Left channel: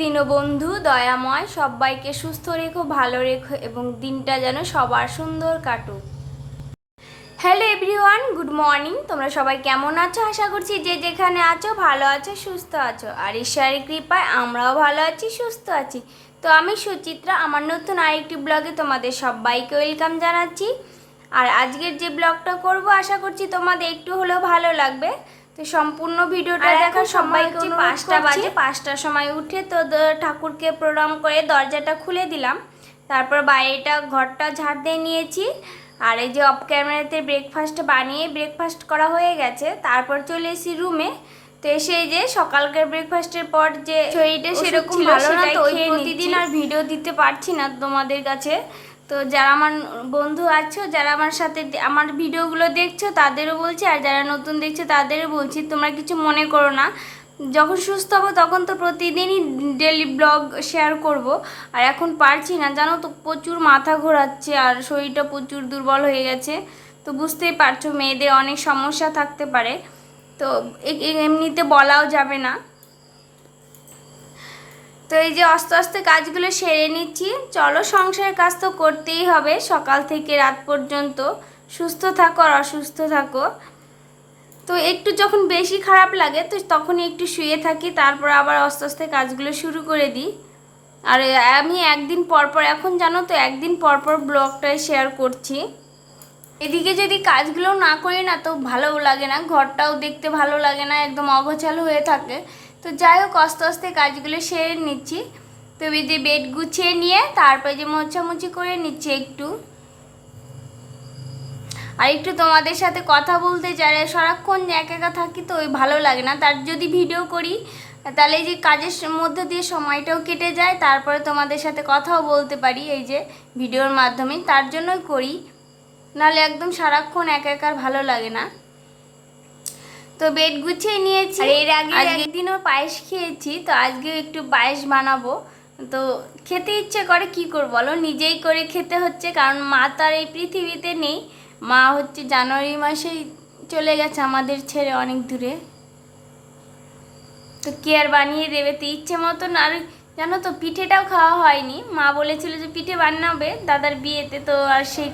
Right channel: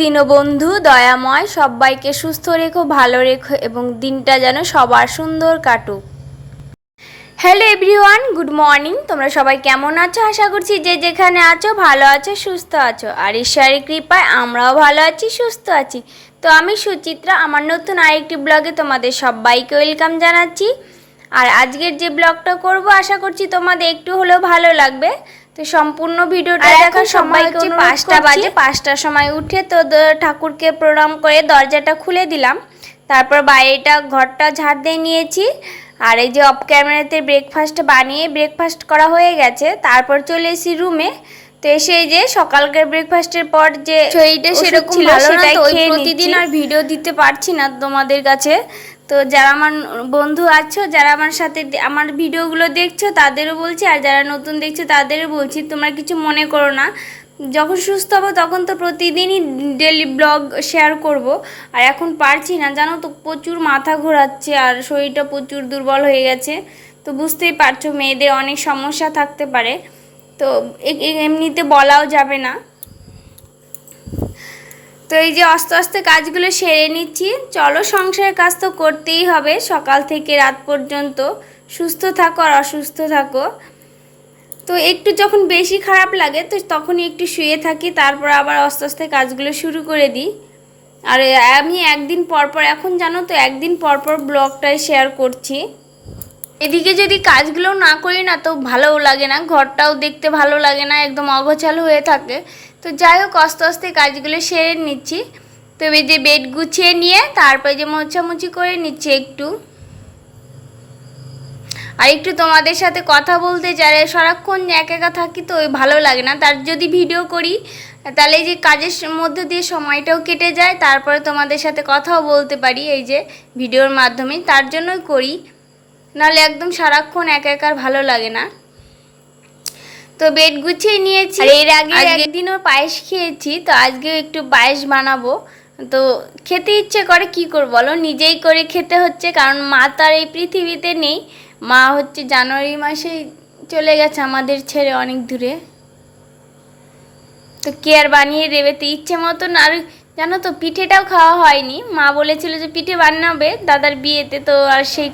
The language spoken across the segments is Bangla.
দীনবন্ধু দয়াময় সবাইকে সুস্থ রেখো ভালো রেখো এবং দিনটা যেন সবার সুন্দর কাটুক। Hello everyone good morning. তোমরা সবাই কেমন আছো? আশা করছি যে যেখানে আছো ভালো আছো সুস্থ আছো। আর ঈশ্বরের কৃপায় আমরাও ভালো আছি সুস্থ আছি। তো আমি সুচিত্রা আমার নতুন আরেকটি ব্লগে তোমাদের সবাইকে ওয়েলকাম জানাচ্ছি। আর আজকের যে ব্লগটা করব আশা করছি তোমাদের একটু হলেও ভালো লাগবে। তো সম্পূর্ণ ভিডিওটা দেখার সময় হচ্ছে পাঁচটা বাজে পাঁচটার সময় উঠে তো ঠাকুরকে প্রণাম করে দরজাটা খুলে দিলাম। তারপর বাইরেটা ঘরটা ঝাড় দিয়ে নিয়েছি। আর এই যে অফ ক্যামেরাতে ব্রেকফাস্ট বানিয়ে ব্রেকফাস্ট করা হয়ে গেছে তারপর চলে এসেছি রুমে তো এসে এই যে সকালকার ব্রেকফাস্টের পর যে শরীরটা সেরকম ভালো না তো প্রতিদিন আর ভিডিও দিতে পারছি না তোমাদের কাছে। তো যারা আমার বন্ধু আছো যারা আমার সাথে আমার ভিডিওগুলো দেখছ তাদেরও বলছি আর যারা নতুন দেখছ তাদেরও বলছি তোমরা কিছু মনে করো না। যখন সুস্থ হব তখন তো প্রতিদিনই ডেলি ব্লগ শেয়ার করব। আর এখন পারছি না, জানো তো প্রচুর মাথা ঘোরাচ্ছে আর শরীরটা প্রচুর দুর্বল হয়ে গেছে। তো বুঝতেই পারছ মেয়েদের অনেক সমস্যা থাকতে পারে। তো এমনিতে বলাও যাবে না। তো এই যে আস্তে আস্তে কাজগুলো সেরে নিচ্ছি। চলো সংসারের কাজ তো করতেই হবে, সকাল থেকে রাত পর্যন্ত। সুস্থ থাকো আর অসুস্থ থাকো। তো একটু যখন বেশি খারাপ লাগে, তো তখনই একটু শুয়ে থাকি, তারপর আবার আস্তে আস্তে কাজগুলো শুরু করে দিই। আর আমি একদিন পর পর, এখন জানো তো, একদিন পর পর ব্লগটাই শেয়ার করছি। এদিকে যদি কাজগুলো না করি না, তো ভালোও লাগে না, ঘরটাও দেখতে ভালো লাগে না, একদম অগোছালো হয়ে থাকে। তো যাই হোক, আস্তে আস্তে কাজগুলো সেরে নিচ্ছি। তো এই যে বেড গুছিয়ে নিয়ে, তারপরে যে মোছামুছি করে নিচ্ছি একটু। আর একটু তোমাদের সাথে কথা বলতে চাই সারাক্ষণ একা একা থাকি তো ওই ভালো লাগে না। তার যদি ভিডিও করি তাহলে এই যে কাজের মধ্যে দিয়ে সময়টাও কেটে যায় তারপরে তোমাদের সাথে কথাও বলতে পারি এই যে ভিডিওর মাধ্যমে। তার জন্যই করি নাহলে একদম সারাক্ষণ একা একা আর ভালো লাগে না। তো বেড গুছিয়ে নিয়েছি। আর এর আগে একদিনও পায়েস খেয়েছি তো আজকেও একটু পায়েস বানাবো। তো খেতে ইচ্ছে করে কি করব বলো? নিজেই করে খেতে হচ্ছে কারণ মা তো আর এই পৃথিবীতে নেই। মা হচ্ছে জানুয়ারি মাসেই চলে গেছে আমাদের ছেড়ে অনেক দূরে। তো কে আর বানিয়ে দেবে তো ইচ্ছে মতন? আর জানো তো, পিঠেটাও খাওয়া হয়নি। মা বলেছিল যে পিঠে বানাবে, দাদার বিয়েতে তো আর সেই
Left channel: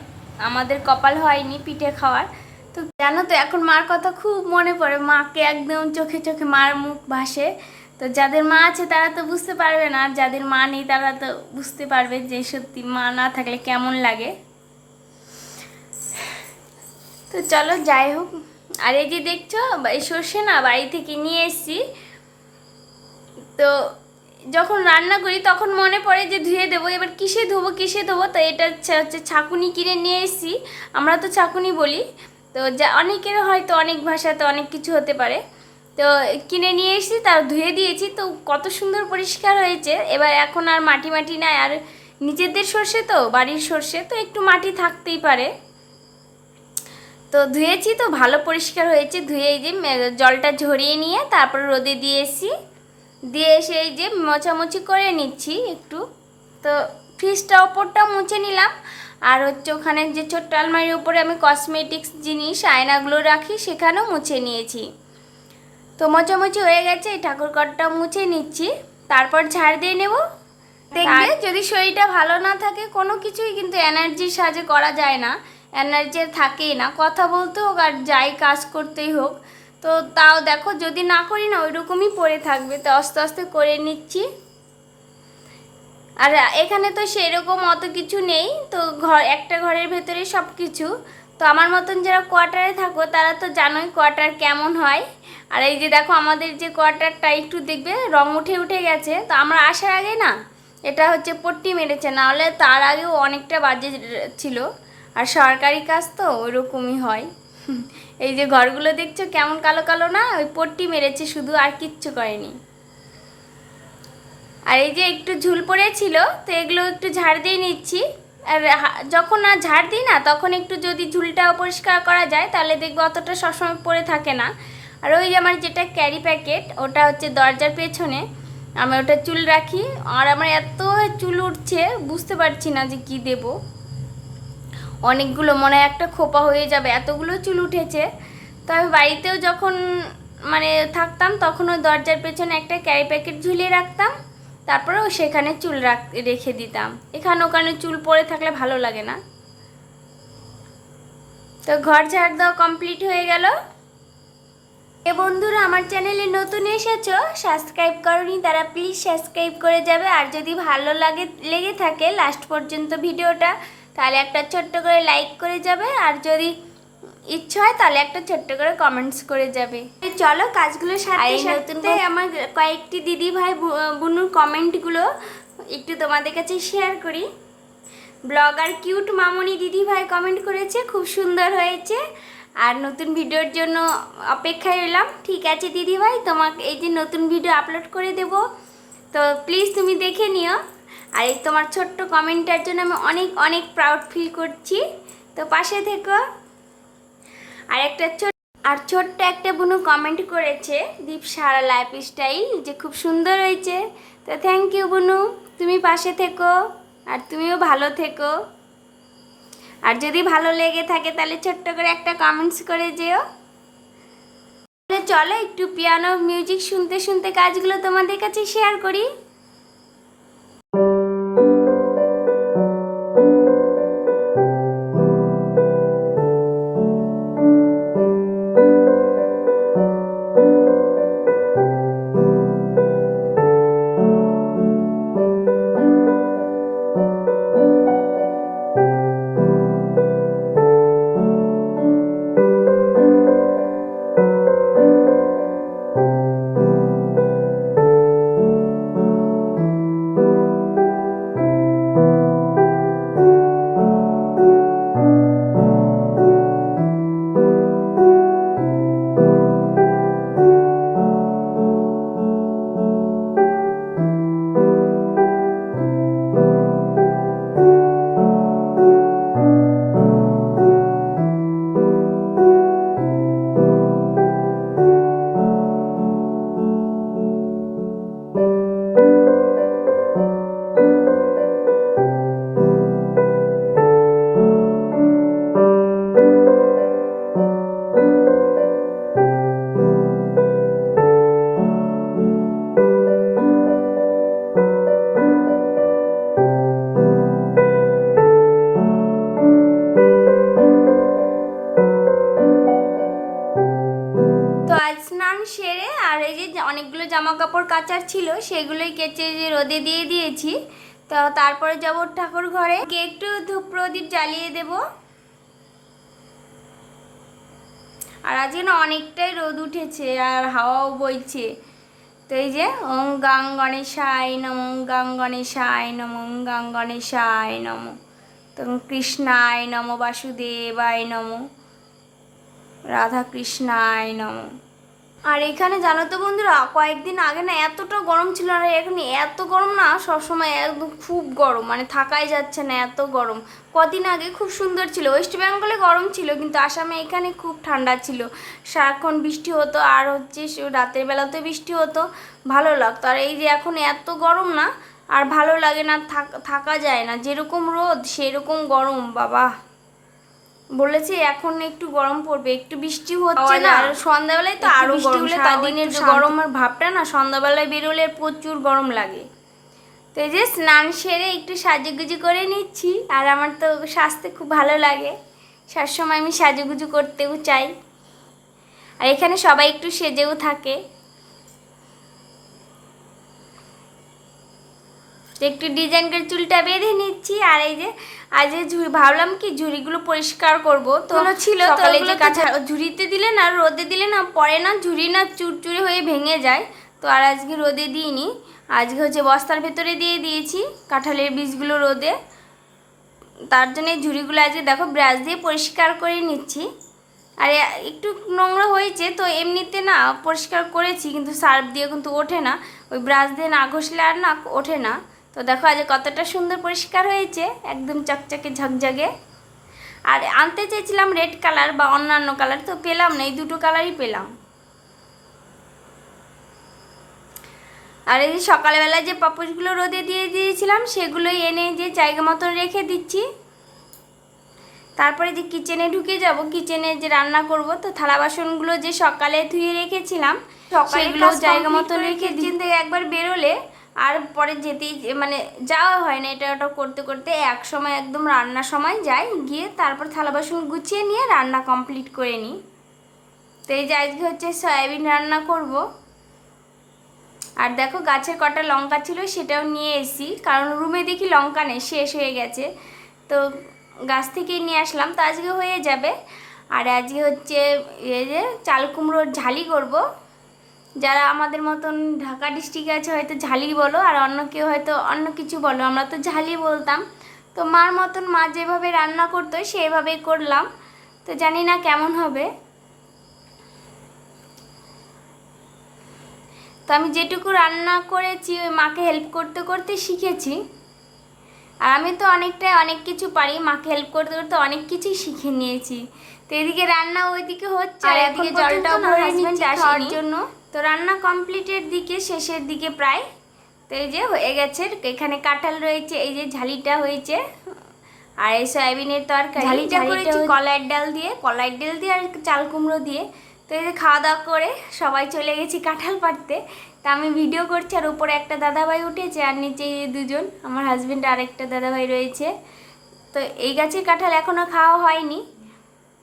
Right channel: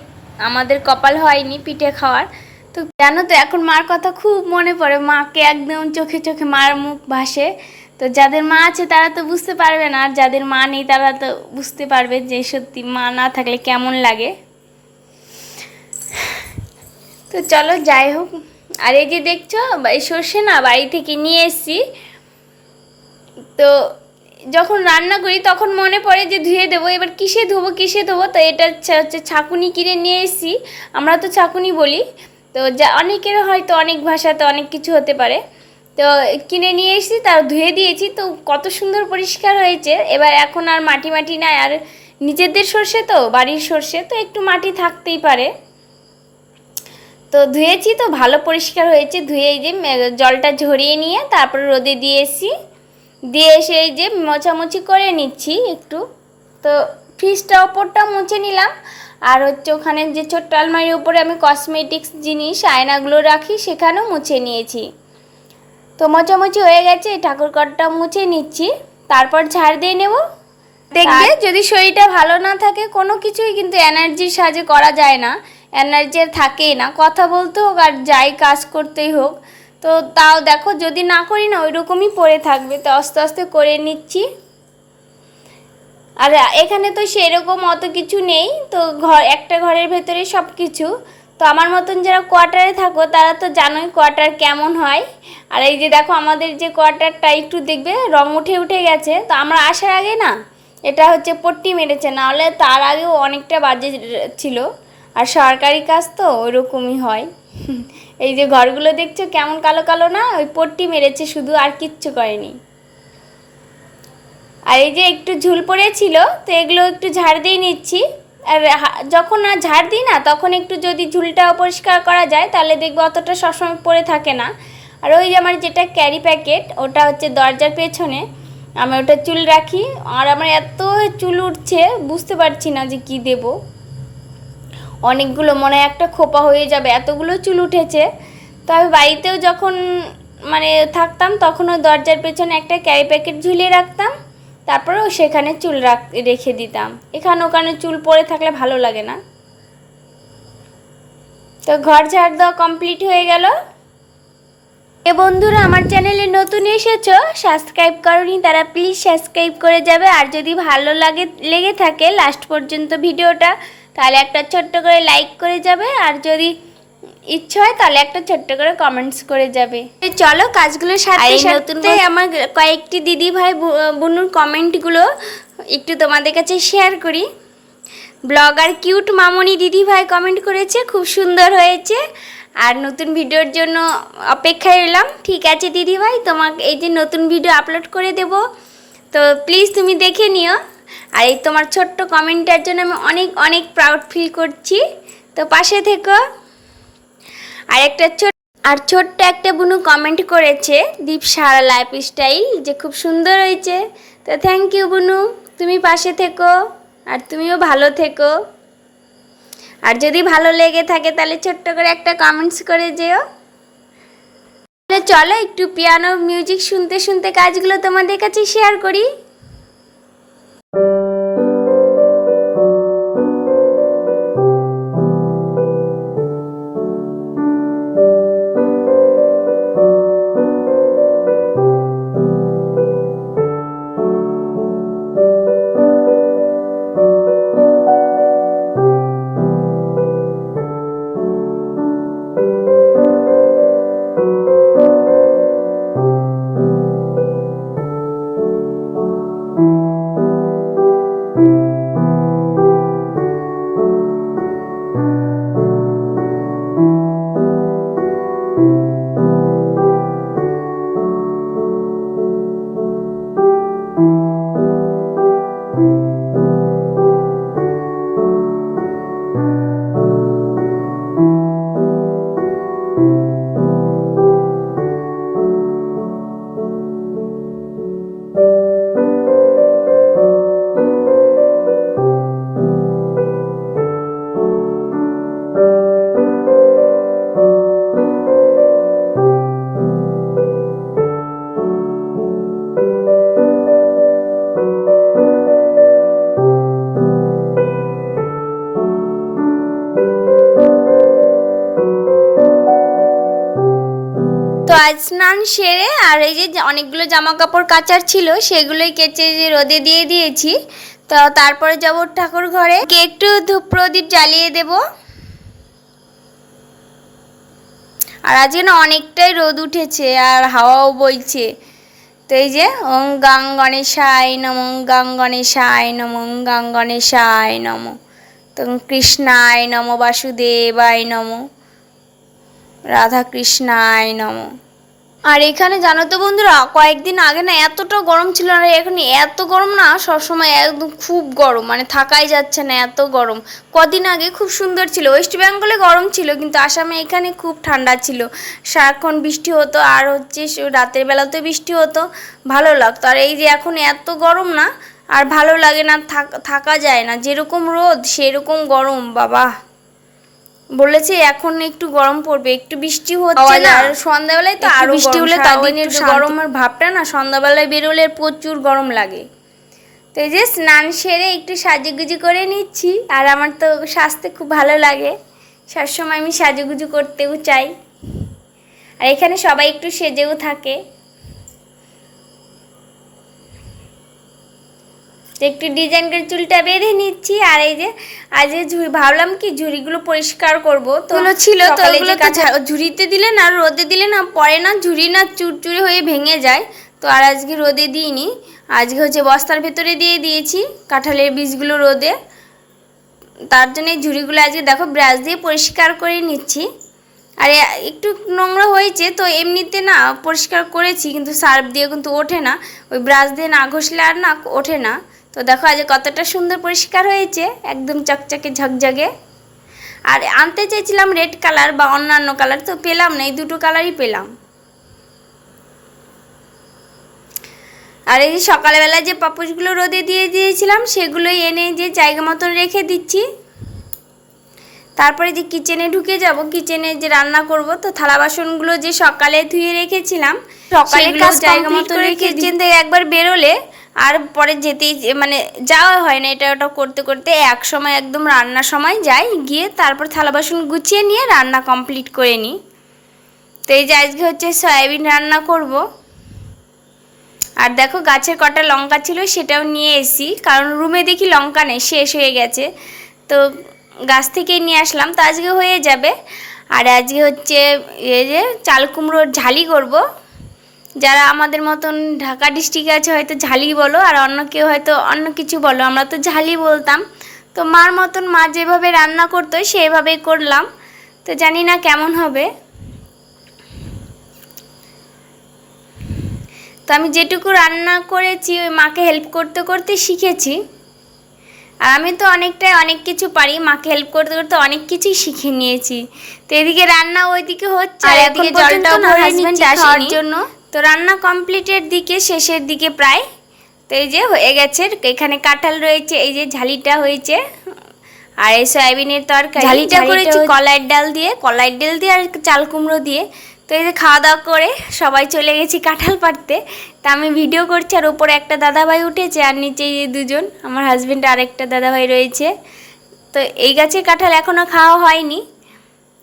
আমাদের কপাল হয়নি পিঠে খাওয়ার। তো জানো তো, এখন মার কথা খুব মনে পড়ে। মাকে একদম চোখে চোখে মার মুখ ভাসে। তো যাদের মা আছে তারা তো বুঝতে পারবে না, আর যাদের মা নেই তারা তো বুঝতে পারবে যে সত্যি মা না থাকলে কেমন লাগে। তো চলো, যাই হোক। আর এই যে দেখছ সর্ষে না বাড়ি থেকে নিয়ে এসেছি। তো যখন রান্না করি, তখন মনে পড়ে যে ধুয়ে দেবো। এবার কিসে ধোবো কিসে ধোবো? তো এটা হচ্ছে হচ্ছে ছাকুনি কিনে নিয়ে এসেছি। আমরা তো ছাকুনি বলি। তো যা অনেকের হয়তো অনেক ভাষাতে অনেক কিছু হতে পারে। তো কিনে নিয়ে এসেছি তার ধুয়ে দিয়েছি। তো কত সুন্দর পরিষ্কার হয়েছে। এবার এখন আর মাটি মাটি নাই। আর নিজেদের সর্ষে তো, বাড়ির সর্ষে। তো একটু মাটি থাকতেই পারে। তো ধুয়েছি তো ভালো পরিষ্কার হয়েছে। ধুয়ে এই যে জলটা ঝরিয়ে নিয়ে তারপর রোদে দিয়ে এসি। দিয়ে এসে এই যে মোছামুছি করে নিচ্ছি একটু। তো ফ্রিজটা ওপরটা মুছে নিলাম। আর হচ্ছে ওখানে যে ছোট্ট আলমারির উপরে আমি কসমেটিক্স জিনিস আয়নাগুলো রাখি সেখানেও মুছে নিয়েছি। তো মোছামুছি হয়ে গেছে এই ঠাকুর ঘরটা মুছে নিচ্ছি। তারপর ঝাড় দিয়ে নেব। দেখবে যদি শরীরটা ভালো না থাকে কোনো কিছুই কিন্তু এনার্জির সাহায্যে করা যায় না। এনার্জি থাকেই না। কথা বলতে হোক আর যাই কাজ করতেই হোক, তো তাও দেখো যদি না করি না ওইরকমই পড়ে থাকবে। তো আস্তে আস্তে করে নিচ্ছি। আর এখানে তো সেরকম অত কিছু নেই। তো ঘর, একটা ঘরের ভেতরে সব কিছু তো আমার মতন যারা কোয়ার্টারে থাকো, তারা তো জানোই কোয়ার্টার কেমন হয়। আর এই যে দেখো আমাদের যে কোয়ার্টারটা একটু দেখবে, রং উঠে উঠে গেছে। তো আমরা আসার আগে না, এটা হচ্ছে পট্টি মেরেছে। নাহলে তার আগেও অনেকটা বাজে ছিল। আর সরকারি কাজ তো ওইরকমই হয়। এই যে ঘরগুলো দেখছ কেমন কালো কালো না, ওই পট্টি মেরেছে, শুধু আর কিচ্ছু করেনি। আর এই যে একটু ঝুল পড়েছিল, তো এগুলো একটু ঝাড় দিয়ে নিচ্ছি। আর যখন না ঝাড় দিই না, তখন একটু যদি ঝুলটা পরিষ্কার করা যায়, তাহলে দেখবে অতটা সবসময় পড়ে থাকে না। আর ওই যে আমার যেটা ক্যারি প্যাকেট ওটা হচ্ছে দরজার পেছনে। আমি ওটা চুল রাখি, আর আমার এত চুল উঠছে, বুঝতে পারছি না যে কি দেব। অনেকগুলো মনে হয় একটা খোপা হয়ে যাবে, এতগুলো চুল উঠেছে। তো আমি বাড়িতেও যখন মানে থাকতাম, তখন ওই দরজার পেছনে একটা ক্যারি প্যাকেট ঝুলিয়ে রাখতাম তারপরেও সেখানে চুল রাখ, রেখে দিতাম। এখানে ওখানে চুল পড়ে থাকলে ভালো লাগে না। তো ঘর ঝাড় দেওয়া কমপ্লিট হয়ে গেল। এ বন্ধুরা, আমার চ্যানেলে নতুন এসেছ সাবস্ক্রাইব করনি, তারা প্লিজ সাবস্ক্রাইব করে যাবে। আর যদি ভালো লাগে, লেগে থাকে লাস্ট পর্যন্ত ভিডিওটা তাহলে একটা ছোট্ট করে লাইক করে যাবে আর যদি ইচ্ছা হয় তাহলে একটা ছোট্ট করে কমেন্টস করে যাবে। চলো কাজগুলো সাথে সাথে আমার কয়েকটি দিদি ভাই বোনুর কমেন্টগুলো একটু তোমাদের কাছে শেয়ার করি। ব্লগার কিউট মামনি দিদি ভাই কমেন্ট করেছে খুব সুন্দর হয়েছে। আর নতুন ভিডিওর জন্য অপেক্ষায় এলাম। ঠিক আছে দিদি ভাই তোমাকে এই যে নতুন ভিডিও আপলোড করে দেব। তো প্লিজ তুমি দেখে নিও। আর এই তোমার ছোট্ট কমেন্টের জন্য আমি অনেক অনেক প্রাউড ফিল করছি। তো পাশে থেকো। আর একটা ছোট, আর ছোট্ট একটা বুনু কমেন্ট করেছে, দীপ সারা লাইফ স্টাইল যে খুব সুন্দর হয়েছে। তো থ্যাংক ইউ বুনু, তুমি পাশে থেকো, আর তুমিও ভালো থেকো। আর যদি ভালো লেগে থাকে, তাহলে ছোট্ট করে একটা কমেন্টস করে যেও। তাহলে চলো একটু পিয়ানো মিউজিক শুনতে শুনতে কাজগুলো তোমাদের কাছে শেয়ার করি। আজ স্নান সেরে আর এই যে অনেকগুলো জামা কাপড় কাচার ছিল, সেগুলোই কেচে যে রোদে দিয়ে দিয়েছি। তো তারপরে যাব ঠাকুর ঘরে। কে একটু ধূপ প্রদীপ জ্বালিয়ে দেব। আর আজকে না অনেকটাই রোদ উঠেছে আর হাওয়াও বইছে। তো এই যে ওং গাং গণেশায় নম, গাং গণেশায় নম, গাং গণেশায় নম। তো কৃষ্ণায় নম, বাসুদেবায় নম রাধা কৃষ্ণায় নম। আর এখানে জানো তো বন্ধুরা, কয়েকদিন আগে না এতটা গরম ছিল আর এখন এত গরম না সবসময় একদম খুব গরম মানে থাকাই যাচ্ছে না এত গরম। কদিন আগে খুব সুন্দর ছিল, ওয়েস্ট বেঙ্গলে গরম ছিল, কিন্তু আসামে এখানে খুব ঠান্ডা ছিল। সারাক্ষণ বৃষ্টি হতো, আর হচ্ছে রাতের বেলাতে বৃষ্টি হতো, ভালো লাগতো। আর এই যে এখন এত গরম না, আর ভালো লাগে না থাকা যায় না, যেরকম রোদ সেরকম গরম, বাবা। বলেছে এখন একটু গরম পড়বে একটু বৃষ্টি হচ্ছে না। আর সন্ধ্যাবেলায় তো আরও বৃষ্টি হলে তাদের গরমের ভাবটা না সন্ধ্যাবেলায় বেরোলে প্রচুর গরম লাগে। তো এই যে স্নান সেরে একটু সাজুগুজু করে নিচ্ছি আর আমার তো সাজতে খুব ভালো লাগে। সবসময় আমি সাজুগুজু করতেও চাই। আর এখানে সবাই একটু সেজেও থাকে। একটু ডিজাইন করে চুলটা বেঁধে নিচ্ছি আর এই যে আজ ভাবলাম কি ঝুড়িগুলো পরিষ্কার করব তো ছিল তো যে কাঁচা ঝুড়িতে দিলে না রোদে দিলে না পরে না ঝুড়ি না চুরচুরে হয়ে ভেঙে যায় তো আর আজকে রোদে দিইনি আজকে হচ্ছে বস্তার ভেতরে দিয়ে দিয়েছি কাঁঠালের বীজগুলো রোদে তার জন্য এই ঝুড়িগুলো আজকে দেখো ব্রাশ দিয়ে পরিষ্কার করে নিচ্ছি আর একটু নোংরা হয়েছে তো এমনিতে না পরিষ্কার করেছি কিন্তু সার্ফ দিয়ে কিন্তু ওঠে না ওই ব্রাশ দিয়ে না ঘষলে আর না ওঠে না তো দেখো আজ কতটা সুন্দর পরিষ্কার হয়েছে, একদম চকচকে ঝকঝকে। আর আনতে চেয়েছিলাম রেড কালার বা অন্যান্য কালার তো পেলাম না, এই দুটো কালারই পেলাম। আর এই সকালবেলা যে পাপোশগুলো রোদে দিয়ে দিয়েছিলাম, সেগুলোই এনে যে জায়গা মতন রেখে দিচ্ছি। তারপরে যে কিচেনে ঢুকে যাব কিচেনে যে রান্না করব তো থালা বাসনগুলো যে সকালে ধুয়ে রেখেছিলাম সকালে জায়গা মতো রেখে কিচেন থেকে একবার বেরোলে আর পরে যেতেই মানে যাওয়া হয় না এটা ওটা করতে করতে এক সময় একদম রান্নার সময় যাই গিয়ে তারপর থালা বাসন গুছিয়ে নিয়ে রান্না কমপ্লিট করে নিই। তো এই যে আজকে হচ্ছে সয়াবিন রান্না করব। আর দেখো গাছের কটা লঙ্কা ছিল সেটাও নিয়ে এসি কারণ রুমে দেখি লঙ্কা নেই শেষ হয়ে গেছে। তো গাছ থেকেই নিয়ে আসলাম, তো আজকে হয়ে যাবে। আর আজকে হচ্ছে এই যে চাল কুমড়োর ঝালি করব। যারা আমাদের মতন ঢাকা ডিস্ট্রিক্টে আছে, হয়তো ঝালি বলো, আর অন্য কেউ হয়তো অন্য কিছু বলো। আমরা তো ঝালি বলতাম। তো মার মতন মা যেভাবে রান্না করতো সেভাবেই করলাম। তো জানি না কেমন হবে। তো আমি যেটুকু রান্না করেছি, ওই মাকে হেল্প করতে করতে শিখেছি। আর আমি তো অনেকটাই অনেক কিছু পারি মাকে হেল্প করতে করতে অনেক কিছুই শিখে নিয়েছি। তো এদিকে রান্না ওইদিকে হচ্ছে আর এদিকে জলটাও ভরে নিচ্ছি খাওয়ার জন্য। তো রান্না কমপ্লিটের দিকে শেষের দিকে প্রায়। তো এই যে হয়ে গেছে এখানে কাঁঠাল রয়েছে এই যে ঝালিটা হয়েছে। আর এই সয়াবিনের তরকারি ঝালিটা করেছি কলাইয়ের ডাল দিয়ে কলাইয়ের ডাল দিয়ে আর চাল কুমড়ো দিয়ে। তো এই যে খাওয়া দাওয়া করে সবাই চলে গেছি কাঁঠাল পাড়তে। তা আমি ভিডিও করছি আর উপরে একটা দাদাভাই উঠেছে আর নিচে এই দুজন আমার হাজবেন্ড আর একটা দাদাভাই রয়েছে। তো এই গাছে কাঁঠাল এখনও খাওয়া হয়নি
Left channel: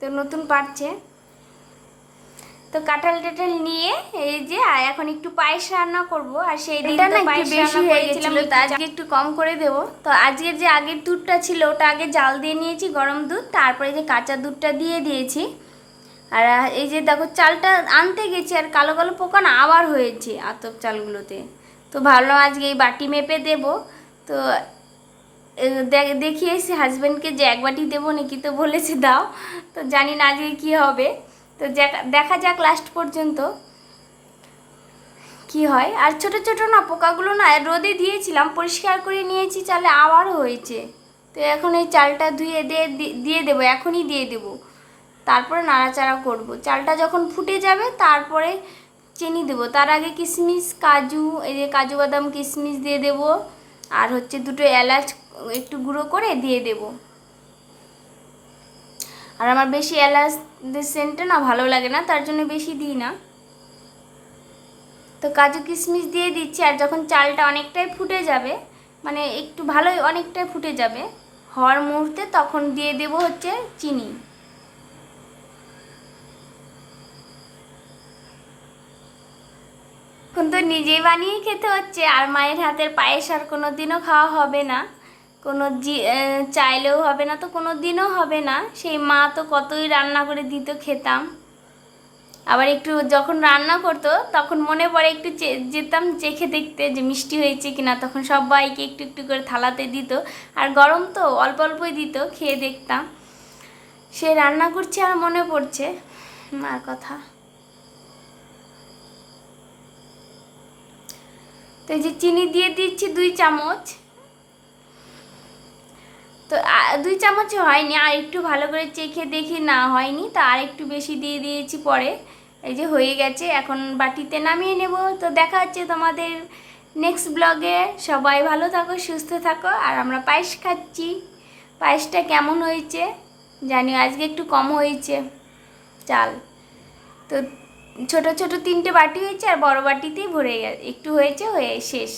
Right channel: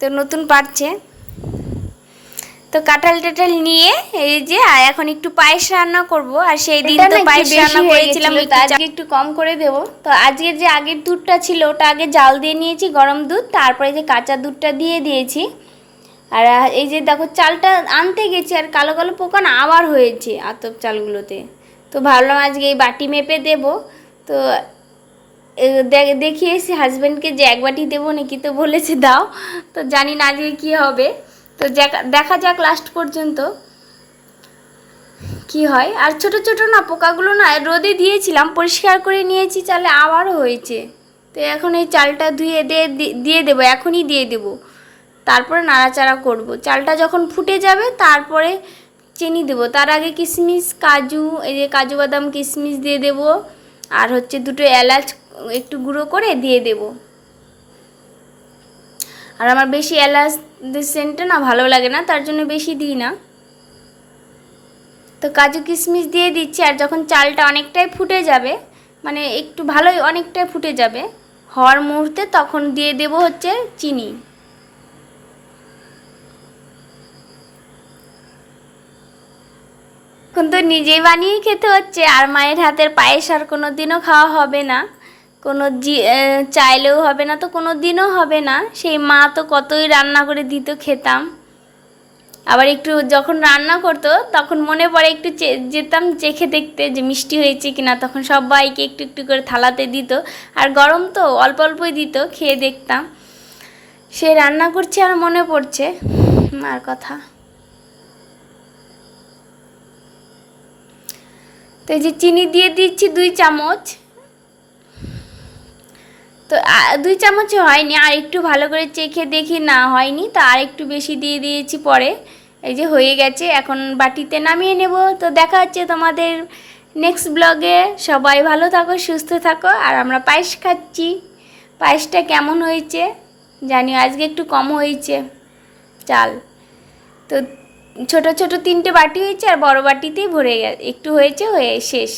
তো নতুন পারছে তো কাঁঠাল টাঠাল নিয়ে এই যে এখন একটু পায়েস রান্না করব। আর সেই দিন তো পায়েস রান্না করেছিলাম একটু আজকে একটু কম করে দেব। তো আজকের যে আগের দুধটা ছিল ওটা আগে জাল দিয়ে নিয়েছি গরম দুধ তারপরে যে কাঁচা দুধটা দিয়ে দিয়েছি। আর এই যে দেখো চালটা আনতে গেছি আর কালো কালো পোকা না আবার হয়েছে আতপ চালগুলোতে। তো ভাবলাম আজকে এই বাটি মেপে দেব। তো এ দে- দেখিয়েছি হাজব্যান্ডকে যে এক বাটি দেবো নাকি তো বলেছে দাও। তো জানি না আজকে কী হবে। তো দেখা- দেখা যাক লাস্ট পর্যন্ত কি হয়। আর ছোট ছোট না, পোকাগুলো না রোদে দিয়েছিলাম, পরিষ্কার করে নিয়েছি, চালে আবারও হয়েছে। তো এখন এই চালটা ধুয়ে দিয়ে দিয়ে দেবো, এখনই দিয়ে দেবো। তারপরে নাড়াচাড়া করব। চালটা যখন ফুটে যাবে, তারপরে চিনি দেবো। তার আগে কিশমিশ, কাজু, এই যে কাজু বাদাম, কিশমিশ দিয়ে দেবো। আর হচ্ছে দুটো এলাচ একটু গুঁড়ো করে দিয়ে দেবো। আর আমার বেশি এলাচ সেন্টটা না ভালো লাগে না, তার জন্য বেশি দিই না। তো কাজু, কিশমিশ দিয়ে দিচ্ছি, আর যখন চালটা অনেকটাই ফুটে যাবে মানে একটু ভালোই অনেকটাই ফুটে যাবে, হওয়ার মুহূর্তে তখন দিয়ে দেবো হচ্ছে চিনি। এখন তো নিজেই বানিয়ে খেতে হচ্ছে, আর মায়ের হাতের পায়েস আর কোনো দিনও খাওয়া হবে না। কোনো চাইলেও হবে না তো কোনো দিনও হবে না। সেই মা তো কতই রান্না করে দিত খেতাম। আবার একটু যখন রান্না করতো, তখন মনে পড়ে একটু যেতাম চেখে দেখতে যে মিষ্টি হয়েছে কিনা। তখন সবাইকে একটু একটু করে থালাতে দিত। আর গরম তো, অল্প অল্পই দিত, খেয়ে দেখতাম। সে রান্না করছে আর মনে পড়ছে। মার কথা। তো এই যে চিনি দিয়ে দিচ্ছি দুই চামচ। তো দুই চামচ হয়নি, আর একটু ভালো করে চেখে দেখি না হয়নি, তো আর একটু বেশি দিয়ে দিয়েছি পরে। এই যে হয়ে গেছে, এখন বাটিতে নামিয়ে নেব। তো দেখা হচ্ছে তোমাদের নেক্সট ব্লগে সবাই ভালো থাকো, সুস্থ থাকো, আর আমরা পায়েস খাচ্ছি। পায়েসটা কেমন হয়েছে জানি আজকে একটু কম হয়েছে। চাল। তো ছোট ছোট তিনটে বাটি হয়েছে আর বড় বাটিতেই ভরে একটু হয়েছে হয়ে শেষ।